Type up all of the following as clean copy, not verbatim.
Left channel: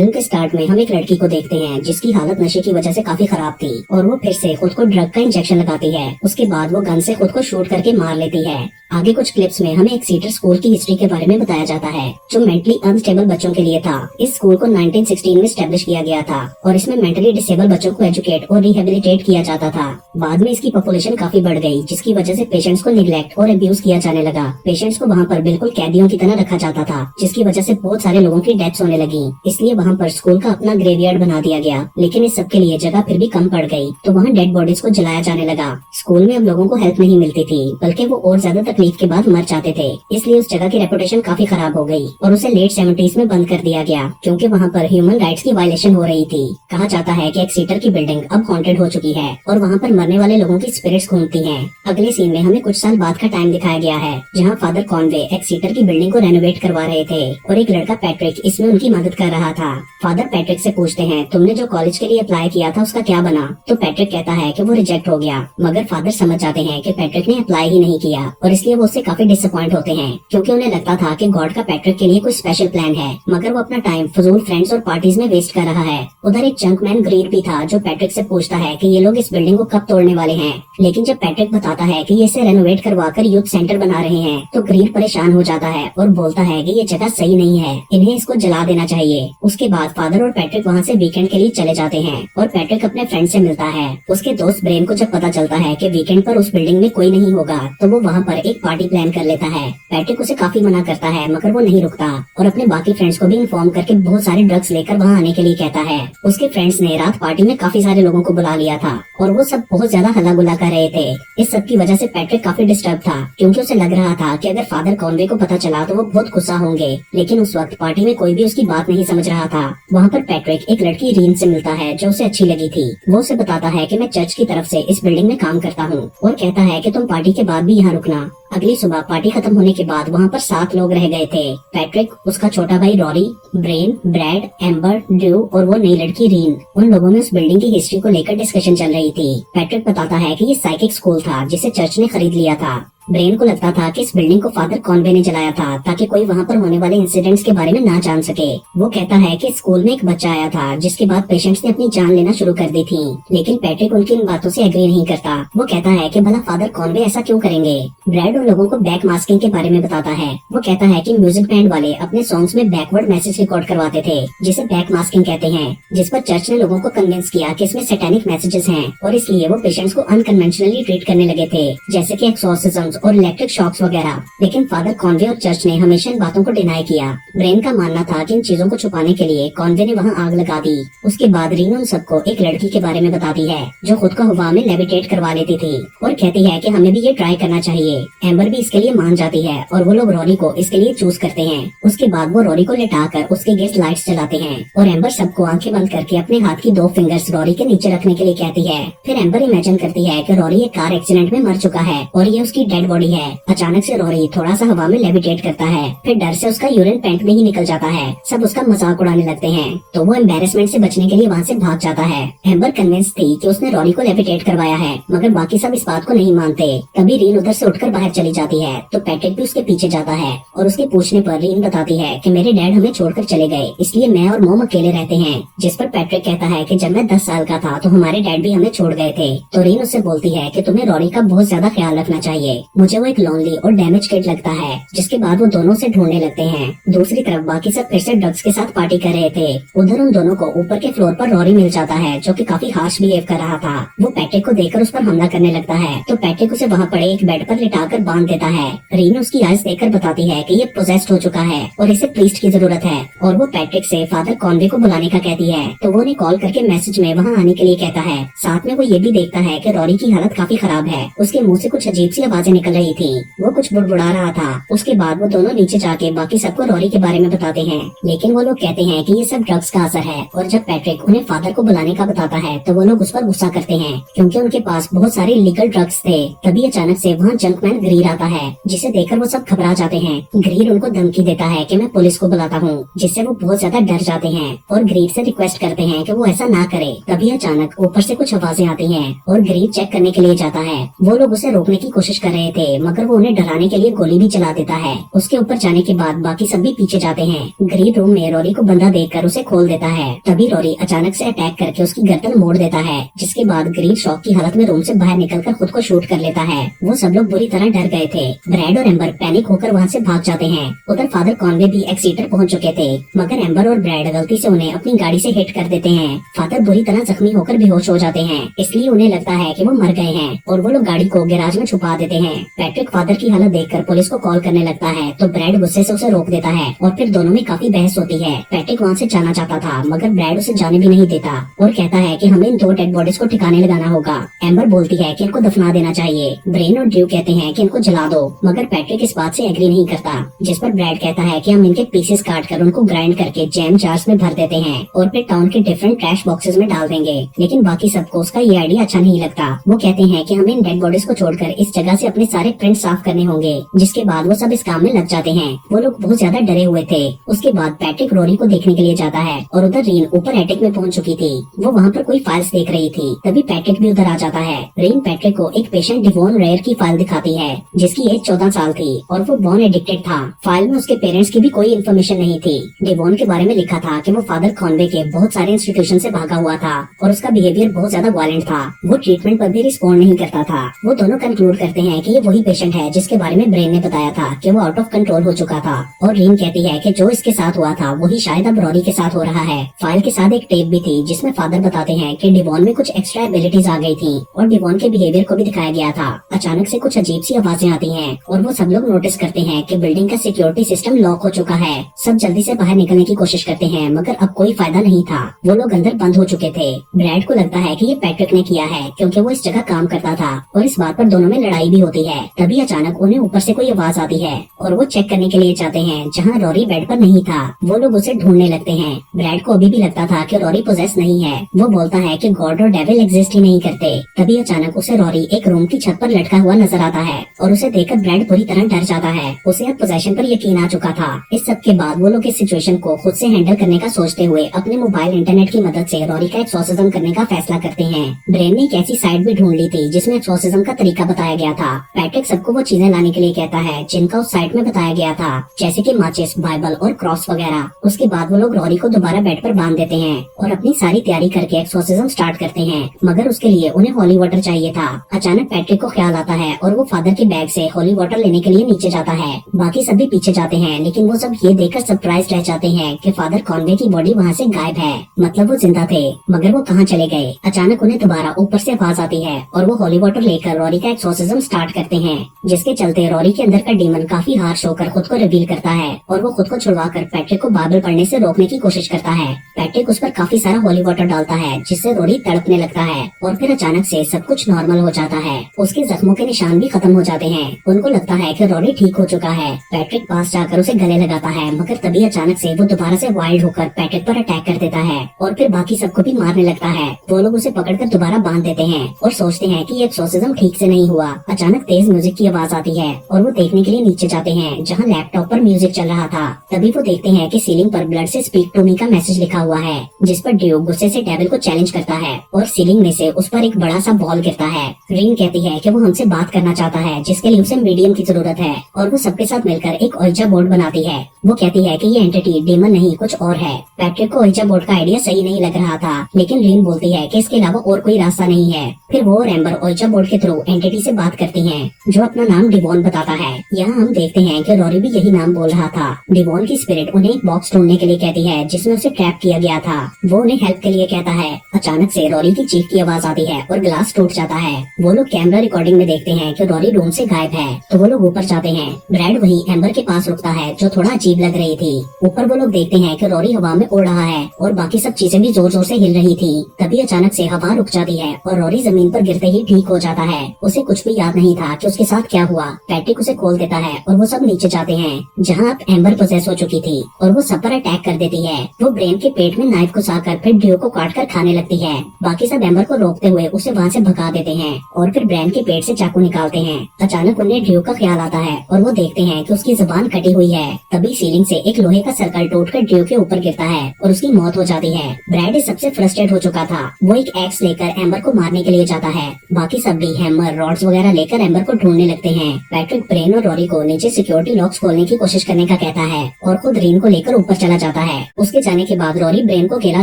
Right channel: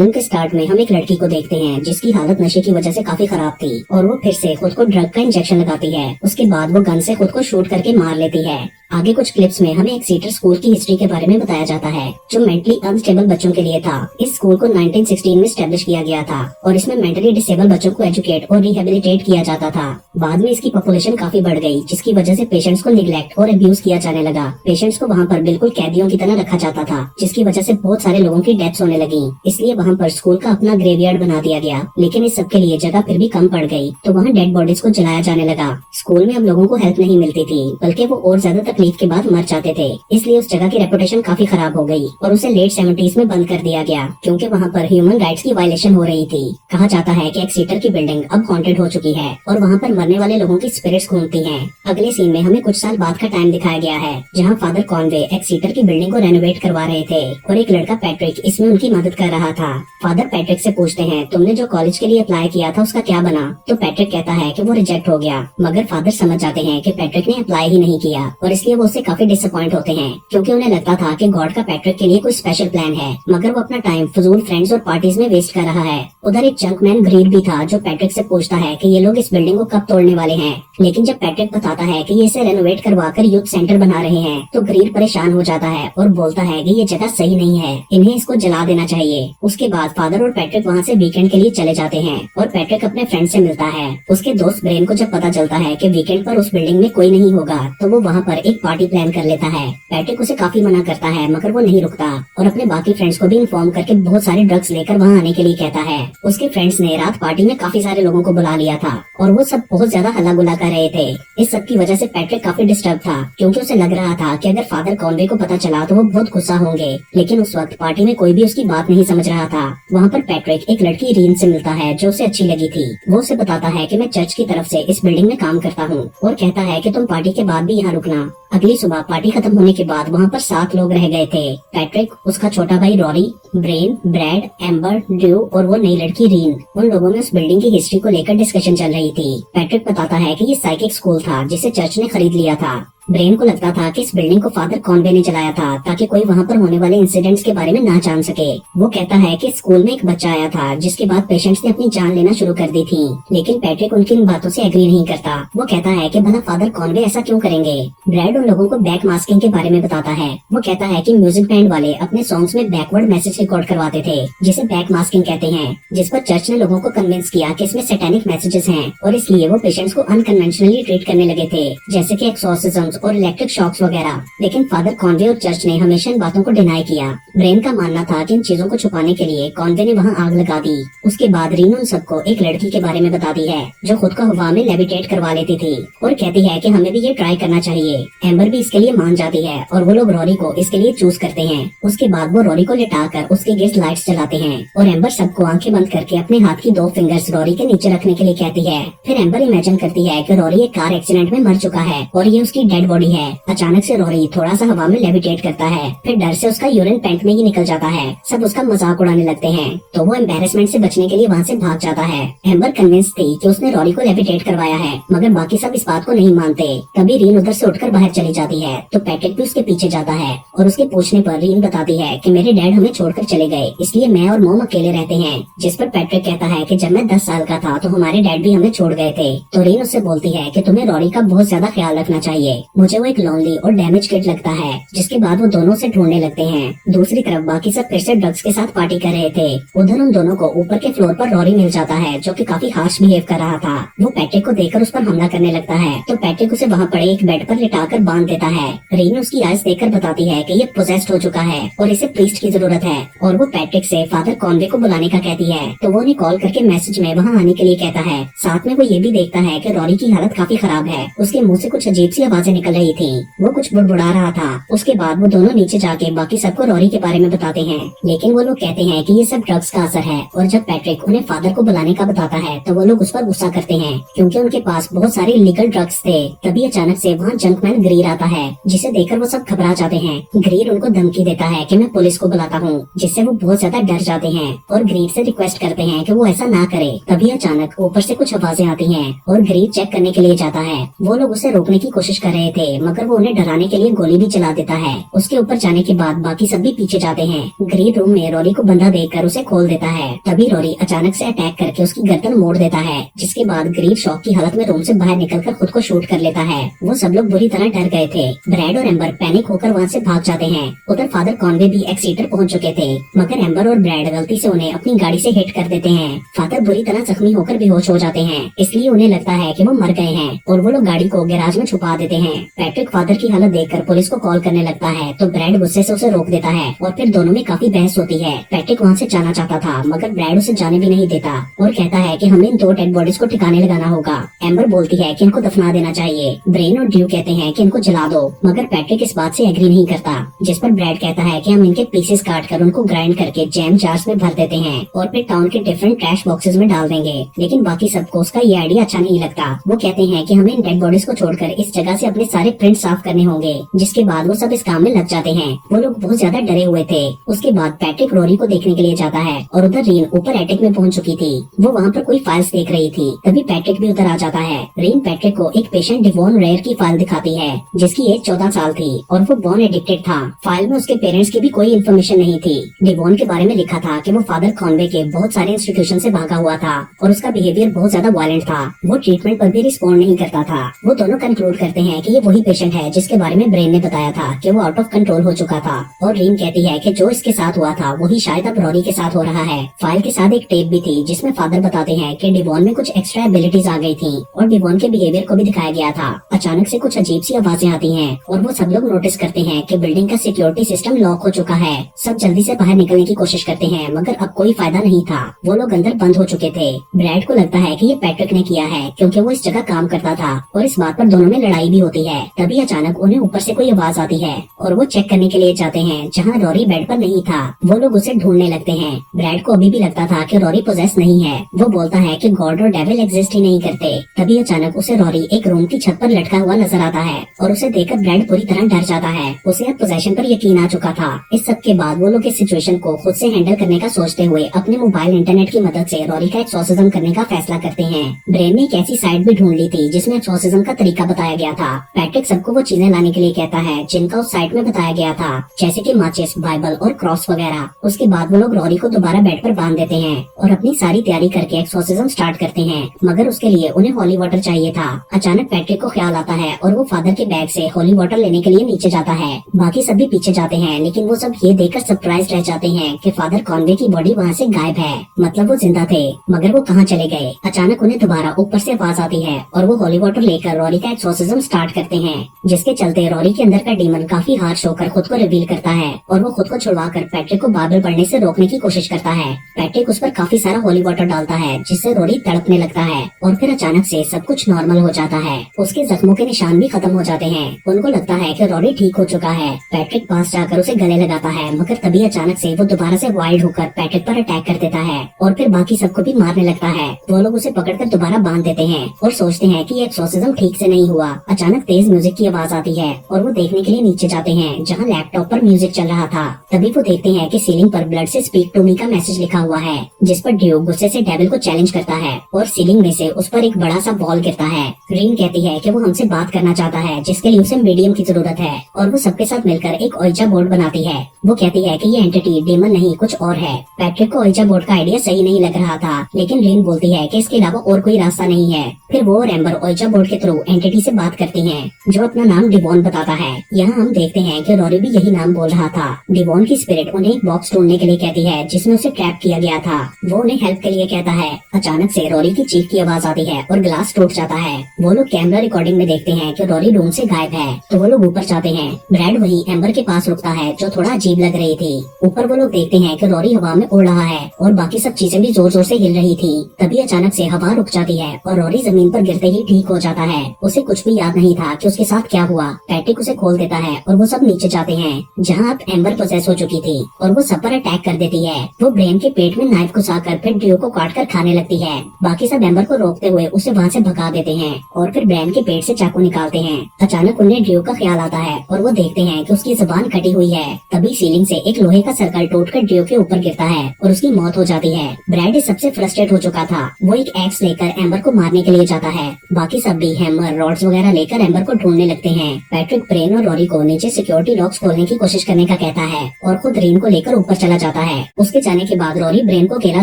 Film के start में हम एक लड़की को देखते हैं जिसकी हालत नशे की वजह से काफी खराब थी और वो फिर से खुद को ड्रग का इंजेक्शन लगाती है। उसके बाद वो गन से खुद को शूट करके मार लेती है। आगे कुछ क्लिप्स में हमें एक सीटर स्कूल की हिस्ट्री के बारे में बताया जाता है जो मेंटली अनस्टेबल बच्चों के लिए था। इस स्कूल को 1916 में स्टैब्लिश किया गया था और इसमें मेंटली डिसेबल बच्चों को एजुकेट और रिहेबिलिटेट किया जाता था। बाद में इसकी पॉपुलेशन काफी बढ़ गई जिसकी वजह से पेशेंट्स को निग्लेक्ट और अब्यूज किया जाने लगा। पेशेंट्स को वहाँ पर बिल्कुल कैदियों की तरह रखा जाता था जिसकी वजह से बहुत सारे लोगों की डेथ्स होने लगी। इसलिए वहाँ पर स्कूल का अपना ग्रेवयार्ड बना दिया गया, लेकिन इस सब के लिए जगह फिर भी कम पड़ गई तो वहाँ डेड बॉडीज को जलाया जाने लगा। स्कूल में अब लोगों को हेल्प नहीं मिलती थी बल्कि वो और ज्यादा तकलीफ के बाद मर जाते थे। इसलिए उस जगह की रेपुटेशन काफी खराब हो गई और उसे लेट 70s में बंद कर दिया गया क्योंकि वहाँ पर ह्यूमन राइट्स की वायलेशन हो रही थी। कहा जाता है कि एक सीटर की बिल्डिंग अब हॉन्टेड हो चुकी है और वहाँ पर मरने वाले लोगों की स्पिरिट्स घूमती हैं। अगले सीन में हमें कुछ साल बाद का टाइम दिखाया गया है जहाँ फादर कॉनवे एक सीटर की बिल्डिंग को रेनोवेट करवा रहे थे और एक लड़का पैट्रिक इसमें उनकी मदद कर रहा था। फादर पैट्रिक से पूछते हैं, तुमने जो कॉलेज के लिए अप्लाई किया था उसका क्या बना? तो पैट्रिक कहता है कि वो रिजेक्ट हो गया, मगर फादर समझ जाते हैं कि पैट्रिक ने अप्लाई ही नहीं किया और इसलिए वो उससे काफी डिसअपॉइंट होते हैं क्योंकि उन्हें लगता था कि गॉड का पैट्रिक के लिए कोई स्पेशल प्लान है, मगर वो अपना टाइम फजूल फ्रेंड्स और पार्टीज में वेस्ट कर रहा है। उधर एक जंकमैन ग्रीड भी था जो पैट्रिक से पूछता है कि ये लोग इस बिल्डिंग को कब तोड़ने वाले हैं, लेकिन जब पैट्रिक बताता है कि ये इसे रेनोवेट करवाकर यूथ सेंटर बना रहे हैं तो ग्रीड परेशान हो जाता है और बोलता है कि ये जगह सही नहीं है, इन्हें इसको जला देना चाहिए। उसके बाद फादर और पैट्रिक वहाँ से वीकेंड के लिए चले जाते हैं और पैट्रिक अपने फ्रेंड से मिलता है। उसके दोस्त ब्रेन को जब पता चलता है कि वीकेंड पर उस बिल्डिंग में कोई नहीं होगा तो वो वहाँ पर एक पार्टी प्लान कर लेता है। पैट्रिक उसे काफी मना करता है मगर वो नहीं रुकता और अपने बाकी फ्रेंड्स को भी इन्फॉर्म करके बहुत सारे ड्रग्स लेकर वहाँ आने के लिए कहता है। उसके फ्रेंड्स ने रात पार्टी में काफी सारे लोगों को बुला लिया था और वो सब बहुत ज्यादा हल्ला गुल्ला कर रहे थे। इस सब की वजह से पैट्रिक काफी डिस्टर्ब था क्योंकि उसे लग रहा था कि अगर फादर कॉनवे को पता चला तो वो बहुत गुस्सा होंगे, लेकिन उस वक्त पार्टी में कोई भी उसकी बात नहीं समझ रहा था। वहाँ पर पैट्रिक एक लड़की रीन से मिलता है जो उसे अच्छी लगी थी। वो उसे बताता है कि मैं चर्च की तरफ से इस बिल्डिंग में काम करता हूँ और कहता है कि तुम पार्टी के बाद भी यहाँ रुकना। अगली सुबह पार्टी खत्म होने के बाद वहाँ पर 7 लोग रह गए थे। पैट्रिक, उसका छोटा भाई Rory, Brian, Brad, Amber, Drew और वो नई लड़की रीन। उन लोगों में उस बिल्डिंग की हिस्ट्री को लेकर डिस्कशन चल रही थी। पैट्रिक बताता है कि ये साइकिक स्कूल था जिसे चर्च ने खरीद लिया था। ब्रेन को लगता था कि इस बिल्डिंग को फादर कॉनवे ने जलाया था ताकि कोई वहाँ पर होने वाले इंसिडेंट्स के बारे में ना जान सके। वो कहता है कि स्कूल में एक बच्चा आया था जिसके बाद पेशेंट्स ने अपनी जान लेना शुरू कर दी थी, लेकिन पैट्रिक उनकी इन बातों से एग्री नहीं करता। वो कहता है कि भला फादर कॉनवे ऐसा क्यों करेंगे। ब्रैड उन लोगों को बैक मास्किंग के बारे में बताता है। वो कहता है कि म्यूजिक बैंड वाले अपने सॉन्ग्स में बैकवर्ड मैसेज रिकॉर्ड करवाते थे जिसे बैक मास्किंग कहते हैं, जिस पर चर्च ने लोगों को कन्विंस किया कि इसमें सैटेनिक मैसेजेस हैं और इसलिए वो पेशेंट्स को अनकन्वेंशनली ट्रीट करने लगे थे जैसे कि एक्सॉर्सिज्म्स और इलेक्ट्रिक शॉक्स वगैरह। लेकिन फादर कॉनवे और चर्च ने हमेशा इन बातों को डिनाई किया। ब्रेन का मानना था कि इन चीजों को छुपाने के लिए कॉनवे ने वहाँ आग लगा दी। उसके बाद रीन उन सबको एक लड़की के बारे में बताती है जो खुद को हवा में लेविटेट करवा लेती थी और कहती है कि हमें भी ये ट्राई करना चाहिए। एम्बर भी इसके लिए मान जाती है और वो लोग रॉरी को इसके लिए चूज करते हैं। उसके बाद वो रॉरी को लेटाकर उसके अगेंस्ट लाइट्स जलाते हैं और एम्बर सबको आंखें बंद करके अपने हाथ की 2 फिंगर्स रॉरी के नीचे रखने के लिए कहती है। फिर एम्बर इमेजिन करती है कि रॉरी एक कार एक्सीडेंट में मर चुका है और ये उसकी डेड बॉडी है। अचानक से रॉरी थोड़ा सा हवा में लेविटेट करता है, फिर डर से उसका यूरिन पैंट में ही निकल जाता है। सब उसका मजाक उड़ाने लगते हैं तो वो एम्बेरसमेंट से बचने के लिए वहाँ से भाग जाता है। एम्बर कन्विंस थी कि उसने रॉरी को लेविटेट करवाया है, मगर बाकी सब इस बात को नहीं मानते। तभी रीन उधर से उठकर बाहर चली जाती है तो पैट्रिक भी उसके पीछे जाता है और उसके पूछने पर रीन बताती है कि मेरे डैड हमें छोड़कर चले गए इसलिए मैं और मोम अकेले रहते हैं। जिस पर पैट्रिक कहता है कि जब मैं 10 साल का था तो हमारे डैड भी हमें छोड़ गए थे। तो रीन उससे बोलती है कि तुम्हें रॉरी का बहुत ज्यादा ख्याल रखना चाहिए। मुझे वो एक लॉन्ली और डैमेज किड लगता है। जिसके बाद वो दोनों से ढूंढने लगते हैं। दूसरी तरफ बाकी सब फिर से ड्रग्स के साथ पार्टी कर रहे थे। उधर उन दोनों को ऊपर के फ्लोर पर रॉरी मिल जाता है जो कि काफी हार्श बिहेव कर रहा था। वो पैट्रिक को देखकर उस पर हमला करने लगता है तो पैट्रिक उसे वहाँ पड़े एक बेड पर लिटाकर बांध देता है। रीन उसकी आइज देखकर बताती है कि ये पोजेस्ड हो चुका है और इसे प्रीस्ट की जरूरत है और वो पैट्रिक से फादर कॉनवे को बुलाने का कहती है तो वो उन्हें कॉल करके मैसेज में वहाँ आने के लिए कहता है। साथ में वो ये भी देखता है कि रॉरी की हालत काफी खराब है। उसके मुँह से कुछ अजीब सी आवाजें निकल रही थी। वो कुछ बुड़बुड़ा रहा था। उसके बाद वो दोनों नीचे जाके बाकी सबको रॉरी के बारे में बताते हैं, लेकिन वो लोग कहते हैं कि ये सब ड्रग्स का असर है। और जब पैट्रिक उन्हें फादर को बुलाने का बताता है तो वो लोग उस पर गुस्सा करते हैं क्योंकि उनके पास बहुत सारे इलीगल ड्रग्स थे। तभी अचानक से वहाँ जंकमैन ग्रीड ग्रीर आता है, जिसे देखकर वो सब घबरा जाते हैं। ग्रीर उनको धमकी देता है कि मैं पुलिस को बुलाता हूँ, जिससे वो बहुत ज्यादा डर जाते हैं और ग्रीर से रिक्वेस्ट करते हैं कि वो ऐसा ना करे। तभी अचानक ऊपर से कुछ आवाजें आती हैं और ग्रीर चेक करने के लिए जाता है। वो लोग उसे रोकने की कोशिश कर रहे थे, मगर वो उन्हें डराने के लिए गोली भी चला देता है। उसके ऊपर जाने के बाद बाकी सब भी पीछे जाते हैं। ग्रीर रूम में रोरी को बंधा देखकर उसे खोल देता है। तभी रोरी अचानक से अटैक करके उसकी गर्दन मोड़ देता है, जिसके बाद ग्रीर शॉक की हालत में रूम से बाहर निकलकर खुद को शूट कर लेता है। वो सब लोग बुरी तरह डर गए थे। ब्रैड और एम्बर पैनिक होकर वहाँ से भाग जाते हैं। उधर फादर कॉनवे भी एक्सीटर पहुँच चुके थे, मगर एम्बर और ब्रैड गलती से उन्हें अपनी गाड़ी से हिट कर देते हैं। फादर बुरी तरह जख्मी होकर बेहोश हो जाते हैं, इसलिए उन्हें लगता है कि वो मर गए हैं और वो लोग गाड़ी को गैराज में छुपा देते हैं। पैट्रिक फादर की हालत देखकर पुलिस को कॉल करने लगता है, तो ब्रैड गुस्से से उसे रोक देता है और फिर दोनों में काफी बहस होती है। पैट्रिक वहाँ से जाना चाहता था, मगर ब्रैड उसे जाने भी नहीं देता और कहता है कि हमें इन 2 डेड बॉडीज को ठिकाने लगाना होगा। एम्बर बोलती है कि इनको दफना देना चाहिए। ब्रेन और ड्रू कहते हैं कि इनको जला दो, मगर पैट्रिक इस बात से एग्री नहीं करता, जिस पर ब्रैड कहता है कि हम इनके पीसेस काट कर उनको ग्राइंड करके जैम जार्स में भर देते हैं और फिर टाउन के डिफरेंट ट्रैश बॉक्सेस में डाल देंगे। लेकिन बाकी सबको उसका ये आइडिया अच्छा नहीं लगता। वो कहते हैं कि हमें इन डेड बॉडीज को छोड़कर इस जगह से अपने सारे प्रिंट साफ करने होंगे, जिसके बाद वो सब इस काम में लग जाते हैं। वो लोग बहुत ज्यादा डरे हुए थे। उसके बाद पैट्रिक रोरी को देखने के लिए जाता है और उधर रीन ऊपर एटिक में पहुंच चुकी थी। वो वहाँ पर कोई फाइल्स देख रही थी। तभी पैट्रिक भी उधर आ जाता है। रीन पैट्रिक को एक पेशेंट डिवॉन रेयर की फाइल दिखाती है, जिसकी एज 14 साल थी और वो बॉर्न एडिक्टेड था। फाइल में उसके पेरेंट्स की भी कोई इन्फॉर्मेशन नहीं थी। डिवॉन के बारे में लिखा था कि वो फादर कॉनवे के बहुत सारे इंस्टीट्यूशन से भागा हुआ था और उसका बिहेवियर बहुत ज्यादा वायलेंट था। वो ट्रीटमेंट पर भी रिस्पॉन्ड नहीं करता था। वो दोनों कंक्लूड करते हैं कि ये वही पेशेंट है जिसके बारे में ब्रेन ने बताया था कि वो आउट ऑफ कंट्रोल हो चुका था। और रीन कहती है कि जो इसके साथ हुआ था वही शायद अब रोरी के साथ हो रहा है। फाइल के साथ एक टेप भी थी, जिसमें फादर बताते हैं कि डिवॉन में कुछ एक्स्ट्रा एबिलिटीज आ गई थी और डिवॉन के बिहेवियर को भी दिखाया गया था। अचानक से कुछ अजीब सी आवाजें आती हैं और वो सब लोग नोटिस करते हैं कि बिल्डिंग का सिक्योरिटी सिस्टम लॉक हो चुका है। सब जल्दी से बाहर निकलने की कोशिश करते हैं, मगर अब कोई फायदा नहीं था। वो लोग अंदर बंद हो चुके थे। ब्रैड को लगता है कि ये पैट्रिक ने किया है, क्योंकि वो इस जगह काम करता था और इस बात पर दोनों में लड़ाई भी होती है। तभी अचानक उन्हें ऊपर से कोई आवाज आती है और वो चेक करने के लिए जाते हैं, जहाँ रोरी बेड पर नहीं था। वो लोग उसे ढूंढने लगते हैं। ब्रैड को अभी भी लगता था कि रोरी पोजेस नहीं है। वो बोलता है कि गॉड और डेविल एग्जिस्ट ही नहीं करते। तभी अचानक उसे रोरी एक रूम की छत पर लटका हुआ नजर आता है और उसे देखकर ब्रैड पूरी तरह डर जाता है। उसे अब पोजेशन पर यकीन आ चुका था। इस सब के बाद वो लोग इस सिचुएशन को खुद से हैंडल करने का सोचते हुए अपने मोबाइल इंटरनेट की मदद से रोरी का एक्सोर्सिज्म करने का फैसला करते हैं। ब्रेन ने एक ऐसी साइट भी ढूंढ ली थी जिसमें एक्सोर्सिज्म का तरीका बताया गया था। पैट्रिक सबको वो चीजें लाने के लिए कहता है जिनका उस साइट में बताया गया था, जैसे कि माचिस, बाइबल और क्रॉस वगैरह। उसके बाद वो लोग रोरी को दोबारा बेड पर बांध देते हैं और अपनी सारी तैयारी करके एक्सोर्सिज्म स्टार्ट करते हैं, मगर उसके लिए उन्हें होली वाटर चाहिए था। अचानक पैट्रिक को ख्याल आता है और वो फादर के बैग से होली वाटर लेने के लिए नीचे जाता है। बाकी सब भी पीछे जाते हैं, लेकिन वो सब ये देखकर सरप्राइज रह जाते हैं कि फादर कॉनवे की बॉडी वहाँ से गायब है। मतलब वो जिंदा थे, मगर वो कहाँ चले गए। अचानक उन्हें दोबारा ऊपर से आवाज आती है और वो होली वाटर लेकर रोरी का एक्सोर्सिज्म स्टार्ट करते हैं, जिसके चलते रोरी के अंदर का डीमन काफी हार्श होकर खुद को रिवील करता है और वो खुद को छुड़वाकर पैट्रिक को बाइबल पढ़ने से रोकने की कोशिश करता है। पैट्रिक उस पर काफी सारा होली वाटर डालता है, जिससे रोरी तड़पने लगता है और फिर अचानक से सब कुछ नॉर्मल हो जाता है। उसके जख्मों के निशान भी खत्म हो जाते हैं। उनको लगता है कि रोरी ठीक हो चुका है। पैट्रिक पास जाकर उसे गले लगाता है, मगर तभी अचानक से वो दोबारा से वाइल्ड होकर पैट्रिक पर अटैक कर देता है और फिर बाकी सबको भी मारने लगता है। वो लोग उसे पकड़कर दोबारा बांध देते हैं और सोचते हैं कि ये एक्सोर्सिज्म ठीक से नहीं हुआ। अचानक तेज म्यूजिक की आवाज आती है और वो देखने के लिए नीचे जाते हैं, जहाँ लैपटॉप पर म्यूजिक चल रहा था। तभी वो देखते हैं कि सीलिंग पर ब्लड से स्पीक टू मी का मैसेज लिखा हुआ है, जिस पर ड्रू गुस्से से डेविल को चैलेंज करता है और सीलिंग में से उस पर एक बड़ा सा बॉल गिरता है। रीन कहती है कि वो हमसे बात करना चाहता है, जिसके लिए उसे मीडियम की जरूरत है और वो सबके साथ मिलकर एक ओइजा बोर्ड बनाती है। वो कहती है कि ये एंटिटी डीमन नहीं कुछ और है। पैट्रिक को ओइजा बोर्ड का आइडिया सही नहीं लग रहा था, लेकिन रीन बोलती है कि इसके अलावा और कोई रास्ता नहीं है। फिर वो और एम्बर ओइजा बोर्ड के थ्रू एंटिटी से बात करती हैं, जो अपना नाम डिवॉन बताता है। यहाँ हम देखते हैं कि रोरी भी यही नाम बोल रहा था। डिवॉन की स्पिरिट उन्हें एक बॉक्स ढूंढने के लिए कहती है, जिसमें उसे ट्रैप किया गया था। वो उन्हें हेल्प के लिए कहता है। अचानक से रोरी की चीख की आवाज आती है और ग्लास टूट जाता है। वो लोग कैमरा रिकॉर्डिंग में देखते हैं कि रोरी रूम से गायब है, तो वो लोग ऊपर जाते हैं। ब्रैड वही एम्बर के पास रुकता है, जो थोड़ा अजीब लग रही थी। ऊपर वो लोग देखते हैं कि रोरी हवा में उड़ रहा है और बाकी सब चीजें भी जोर जोर से हिल रही थी। तभी अचानक से हवा रुक जाती है और रोरी जमीन पर गिरते ही ठीक हो जाता है। उसे कुछ भी याद नहीं था कि उसके साथ क्या हुआ। पैट्रिक उसे खोल देता है और वो सब नीचे जाते हैं, जहाँ अब एम्बर पोजेस हो चुकी थी और वो सब पर अटैक कर देती है। वो ब्रेन के पेट में नाइफ घुसाकर फिर ड्रू को काट कर खाने लगती है। बाकी सब एम्बर को रोकते हुए उसे वहाँ से भगा देते हैं और फिर ब्रेन के पेट से चाकू निकालते हैं। अचानक उन्हें ड्रू का ख्याल आता है और वो देखते हैं कि उसकी जुबान कटी हुई है। तभी सीलिंग से एक लोहे का सर्कल टूटकर ड्रू के ऊपर गिरता है और उसकी मौत हो जाती है। ब्रैड सबसे फ्रस्ट्रेट हो चुका था। वो एक एक्स लेकर एम्बर को मारने के लिए जाता है। बाकी सब भी हैमर, रॉड्स वगैरह लेकर एम्बर को ढूंढने लगते हैं। पैट्रिक ब्रेन और रॉरी को नीचे सिक्योरिटी लॉक्स खोलने की कोशिश करने का कहता है और खुद रीन को लेकर ऊपर चला जाता है। उसके जाने के बाद रॉरी ब्रेन को अकेला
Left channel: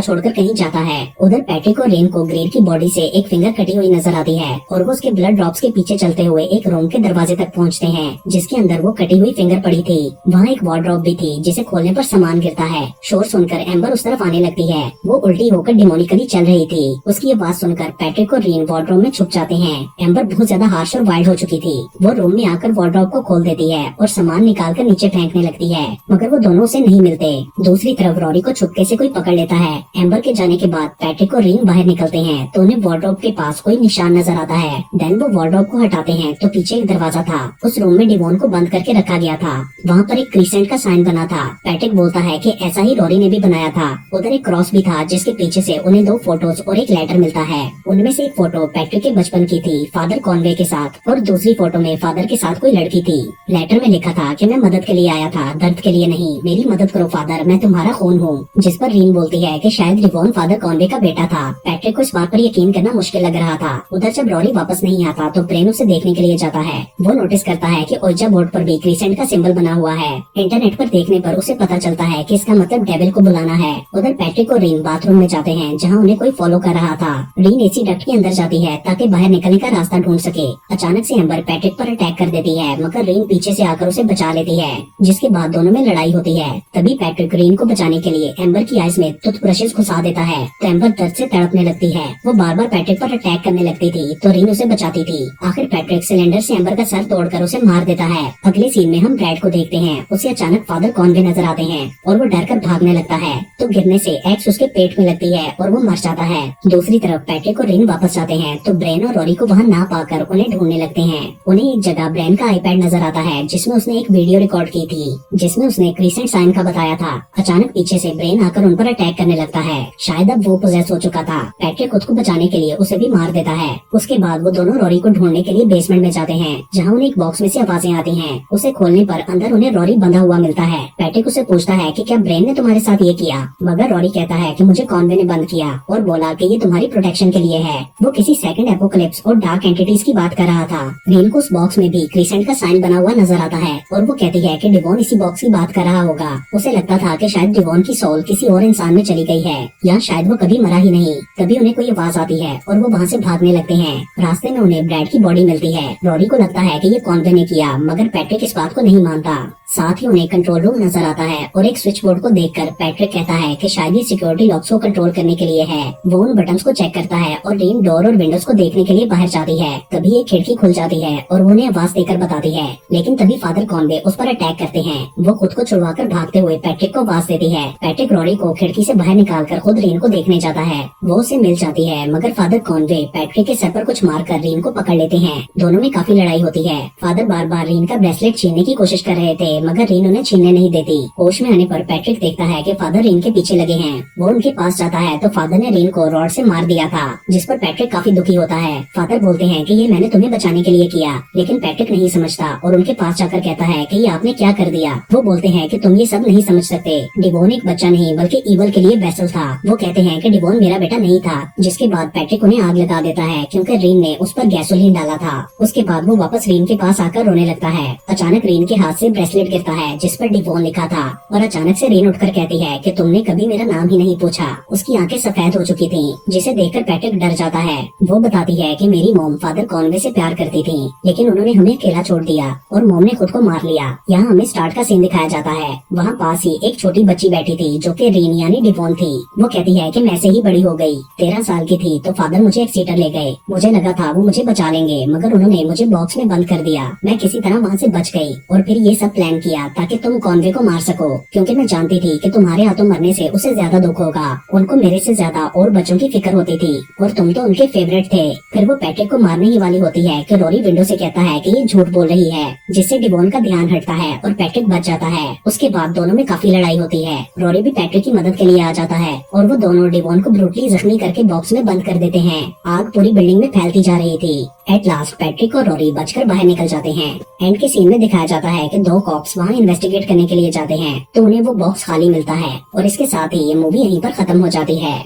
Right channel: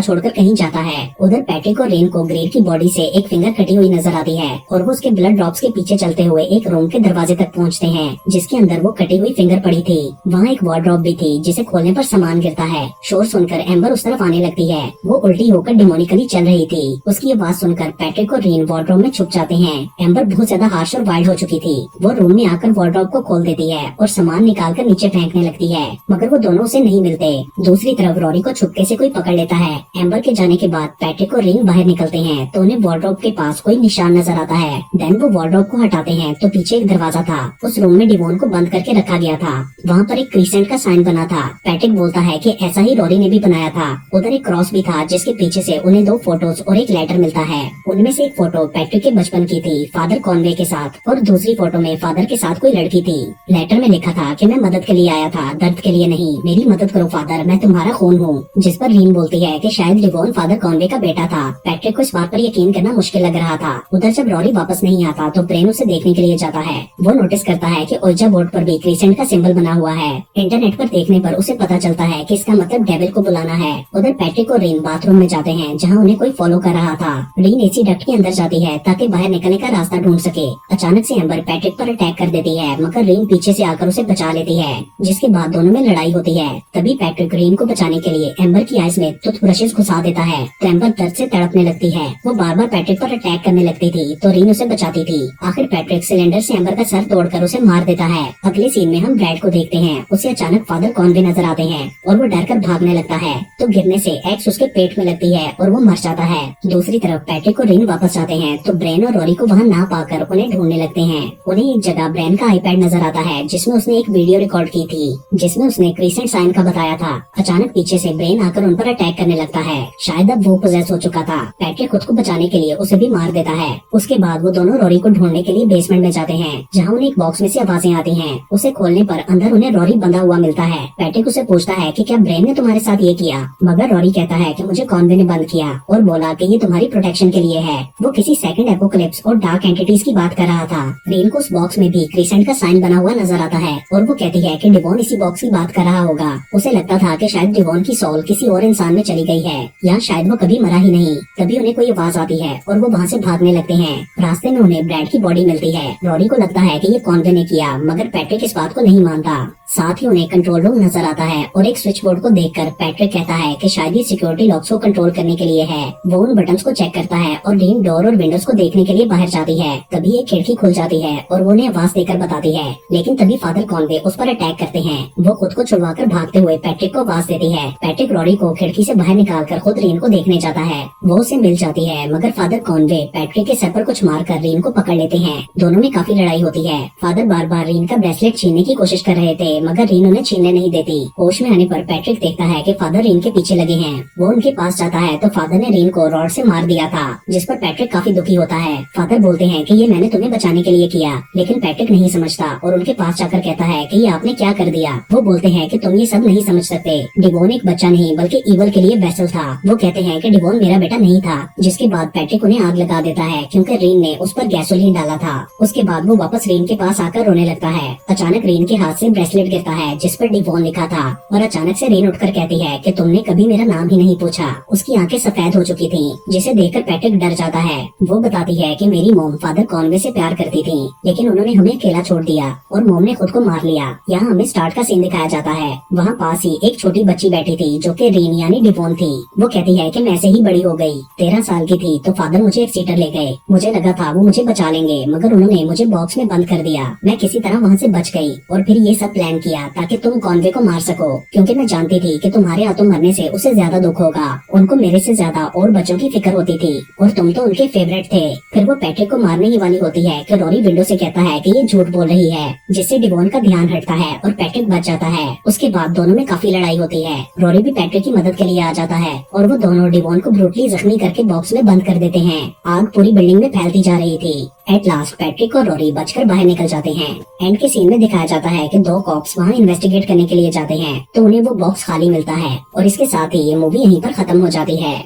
छोड़कर कहीं जाता है। उधर पैट्रिक और रीन को ग्रेड की बॉडी से एक फिंगर कटी हुई नजर आती है और वो उसके ब्लड ड्रॉप्स के पीछे चलते हुए एक रूम के दरवाजे तक पहुंचते हैं जिसके अंदर वो कटी हुई फिंगर पड़ी थी। वहाँ एक वार्डरोब भी थी जिसे खोलने पर सामान गिरता है। शोर सुनकर एम्बर उस तरफ आने लगती है। वो उल्टी होकर डिमोनिकली चल रही थी। उसकी आवाज सुनकर पैट्रिक और रीन वार्डरोब में छुप जाते हैं। एम्बर बहुत ज्यादा हार्श और वाइल्ड हो चुकी थी। वो रूम में आकर वार्डरोब को खोल देती है और सामान निकालकर नीचे फेंकने लगती है, मगर वो दोनों उसे नहीं मिलते। दूसरी तरफ रॉरी को छुपके से कोई पकड़ लेता है। एम्बर के जाने के बाद पैट्रिक और रीन बाहर निकलते हैं तो उन्हें वार्डरोब के पास कोई निशान नजर आता है। देन वो वार्डरोब को हटाते हैं तो पीछे एक दरवाजा था। उस रूम में डिवोन को बंद करके रखा गया था। वहाँ पर एक क्रीसेंट का साइन बना था। पैट्रिक बोलता है कि ऐसा ही रॉरी ने भी बनाया था। उधर एक क्रॉस भी था जिसके पीछे से उन्हें 2 फोटोज और एक लेटर मिलता है। उनमें से एक फोटो पैट्रिक के बचपन की थी, फादर कॉनवे के साथ, और दूसरी फोटो में फादर के साथ कोई लड़की थी। लेटर में लिखा था कि मैं मदद के लिए आया था, दर्द के लिए नहीं। मेरी मदद करो फादर, मैं तुम्हारा खून हूँ। जिस पर रीन बोलती है कि शायद डिवोन फादर कॉनवे का बेटा था। पैट्रिक को इस बात पर यकीन करना मुश्किल लग रहा था। उधर जब रॉरी वापस नहीं आता तो ब्रेन उसे देखने के लिए जाता है। वो नोटिस करता है कि ओइजा बोर्ड पर भी क्रीसेंट का सिंबल बना हुआ है। इंटरनेट पर देखने पर उसे पता चलता है कि इसका मतलब डेविल को बुलाना है। उधर पैट्रिक और रीन बाथरूम में जाते हैं जहाँ उन्हें कोई फॉलो कर रहा था। रीन एसी डक्ट के अंदर जाती है ताकि बाहर निकलने का रास्ता ढूंढ सके। अचानक से एम्बर पैट्रिक पर अटैक कर देती है, मगर रीन पीछे से आकर उसे बचा लेती है, जिसके बाद दोनों में लड़ाई होती है। तभी पैट्रिक रीन को बचाने के लिए एम्बर की आइज में टूथब्रशेस घुसा देता है तो एम्बर दर्द से तड़पने लगती है। वो बार बार पैट्रिक पर अटैक करने लगती थी तो रीन उसे बचाती थी। आखिर पैट्रिक सिलेंडर से एम्बर का सर तोड़कर उसे मार देता है। अगले सीन में हम ब्रैड को देखते हैं। उसे अचानक फादर कॉनवे नजर आते हैं और वो डर कर भागने लगता है तो गिरने से एक्स उसके पेट में लगती है और वो मर जाता है। दूसरी तरफ पैट्रिक और रीन वापस आते हैं तो ब्रेन और रॉरी को वहाँ ना पाकर उन्हें ढूंढने लगते हैं। उन्हें एक जगह ब्रेन का आईपैड नजर आता है जिसमें उसने एक वीडियो रिकॉर्ड की थी जिसमें उसने क्रीसेंट साइन का बताया था। अचानक पीछे से ब्रेन आकर उन पर अटैक करने लगता है। शायद अब वो पोजेस हो चुका था। पैट्रिक खुद को बचाने के लिए उसे भी मार देता है। उसके बाद वो दोनों रॉरी को ढूंढने के लिए बेसमेंट में जाते हैं जहाँ उन्हें एक बॉक्स में से आवाजें आती हैं। उसे खोलने पर अंदर उन्हें रॉरी बंधा हुआ मिलता है। पैट्रिक उसे पूछता है कि क्या ब्रेन ने तुम्हारे साथ ये किया, मगर रॉरी कहता है कि मुझे कॉनवे ने बंद किया और बोला कि ये तुम्हारी प्रोटेक्शन के लिए है। वो किसी सेकंड एपोकलिप्स और डार्क एंटिटीज की बात कर रहा था। रीन को उस बॉक्स में भी क्रीसेंट का साइन बना हुआ नजर आता है और वो कहती है कि डिवोन इसी बॉक्स की बात कर रहा होगा। उसे लगता था कि शायद डिवोन की सोल किसी और इंसान में चली गई है या शायद वो कभी मरा ही नहीं। तभी उन्हें कोई आवाज आती है और वो वहाँ से भागने लगते हैं। रास्ते में उन्हें ब्रैड की बॉडी मिलती है। रॉरी को लगता है कि ये कॉनवे ने किया, मगर पैट्रिक इस बात को नहीं मानता। साथ ही उन्हें कंट्रोल रूम नजर आता है और एक स्विच बोर्ड को देखकर पैट्रिक कहता है कि शायद ये सिक्योरिटी लॉक्स को कंट्रोल करने के लिए है। वो उन बटन्स को चेक करता है और रीन डोर और विंडोज को देखने के लिए बाहर जाती है। तभी एक खिड़की खुल जाती है और वो उन्हें आवाज देकर बताती है, लेकिन तभी फादर कॉनवे उस पर अटैक करते हैं। वो खुद को छुड़वाकर भागते हुए पैट्रिक को आवाज देती है। पैट्रिक रॉरी को खिड़की से बाहर निकालकर खुद रीन को देखने जाता है। वो उसे मिल जाती है, मगर फादर कॉनवे पैट्रिक के सर पर कुछ मारकर रीन को पकड़ लेते हैं। दोनों में काफी लड़ाई होती है। फादर बार बार रीन का ब्रेसलेट छीनने की कोशिश कर रहे थे, मगर रीन उन्हें छीनने नहीं देती। होश में आने पर पैट्रिक देखता है कि फादर रीन के पीछे लगे हैं। वो उनके पास जाता है तो फादर ने रीन को रॉड से मार दिया था, जिस पर पैट्रिक काफी दुखी होता है। फादर बोलते हैं कि ये मैंने तुम्हें बचाने के लिए किया, लेकिन पैट्रिक नहीं समझता और उनके पास जाकर कहता है कि ये आपने क्या कर दिया। वो बोलते हैं कि तुम ये सब नहीं समझ सकते। डिवोन एक बच्चा नहीं बल्कि ईवल के लिए वेसल था। वो कहते हैं कि डिवोन मेरा बेटा नहीं था, जिसके बाद पैट्रिक उन्हें आग लगा देता है क्योंकि रीन ने उस पर गैसोलीन डाला था। उसके बाद वो वापस रीन के पास आकर रोने लगता है। अचानक रीन के हाथ से ब्रेसलेट गिरता है जिस पर डिवोन लिखा था और अचानक से रीन उठकर कहती है कि तुमने कभी मेरा नाम ही नहीं पूछा। उसकी आंखें सफेद हो चुकी थी, जिसे देखकर पैट्रिक डर जाता है। वो बताती है कि मेरी मोम फादर कॉनवे से प्यार करती थी, लेकिन उन्होंने हमें अकेला छोड़ दिया और मोम ने खुद को मार लिया। यहाँ हमें स्टार्ट का सीन दिखाया जाता है। वहाँ पास ही एक छोटी बच्ची बैठी थी जो कि रीन यानी डिवोन थी। वो कहती है कि मैं से ही बड़ी हो गई। 13 साल की थी तो फादर मुझे एक सीटर ले गए। मुझे लगा था वो मुझे बचा लेंगे, मगर उन्होंने मुझे बॉक्स में बंद कर दिया। मैं किसी तरह वहाँ से बच गई और फिर ये सब प्लान प्लान किया ताकि तुम कॉनवे को मार सको, क्योंकि मैं जानती थी कि तुम्हारे हाथों मरने से उसे ज्यादा दुख होगा। उनको मेरे से ज्यादा और बच्चों की फिक्र होती थी और तुम तो उनके फेवरेट थे। फिर वो पैट्रिक को मारने ही वाली होती है कि रोरी विंडो से कहता है कि ये झूठ बोल रही है, जिससे डिवॉन का ध्यान हटता है और पैट्रिक बच जाता है। उसके बाद दोनों में काफी लड़ाई होती है। रोरी भी पैट्रिक की मदद के लिए आ जाता है और वो दोनों डिवॉन को ब्रूटली जख्मी करके बॉक्स में बंद कर देते हैं। आग पूरी बिल्डिंग में फैलती जा रही थी। एट लास्ट पैट्रिक और रोरी बचकर बाहर निकल जाते हैं। एंड के सीन में दिखाया जाता है कि दो कॉप्स वहाँ इन्वेस्टिगेट करने के लिए जाते हैं तो उन्हें वो बॉक्स खाली मिलता है और इसके साथ ही ये मूवी यहीं पर खत्म हो जाती है।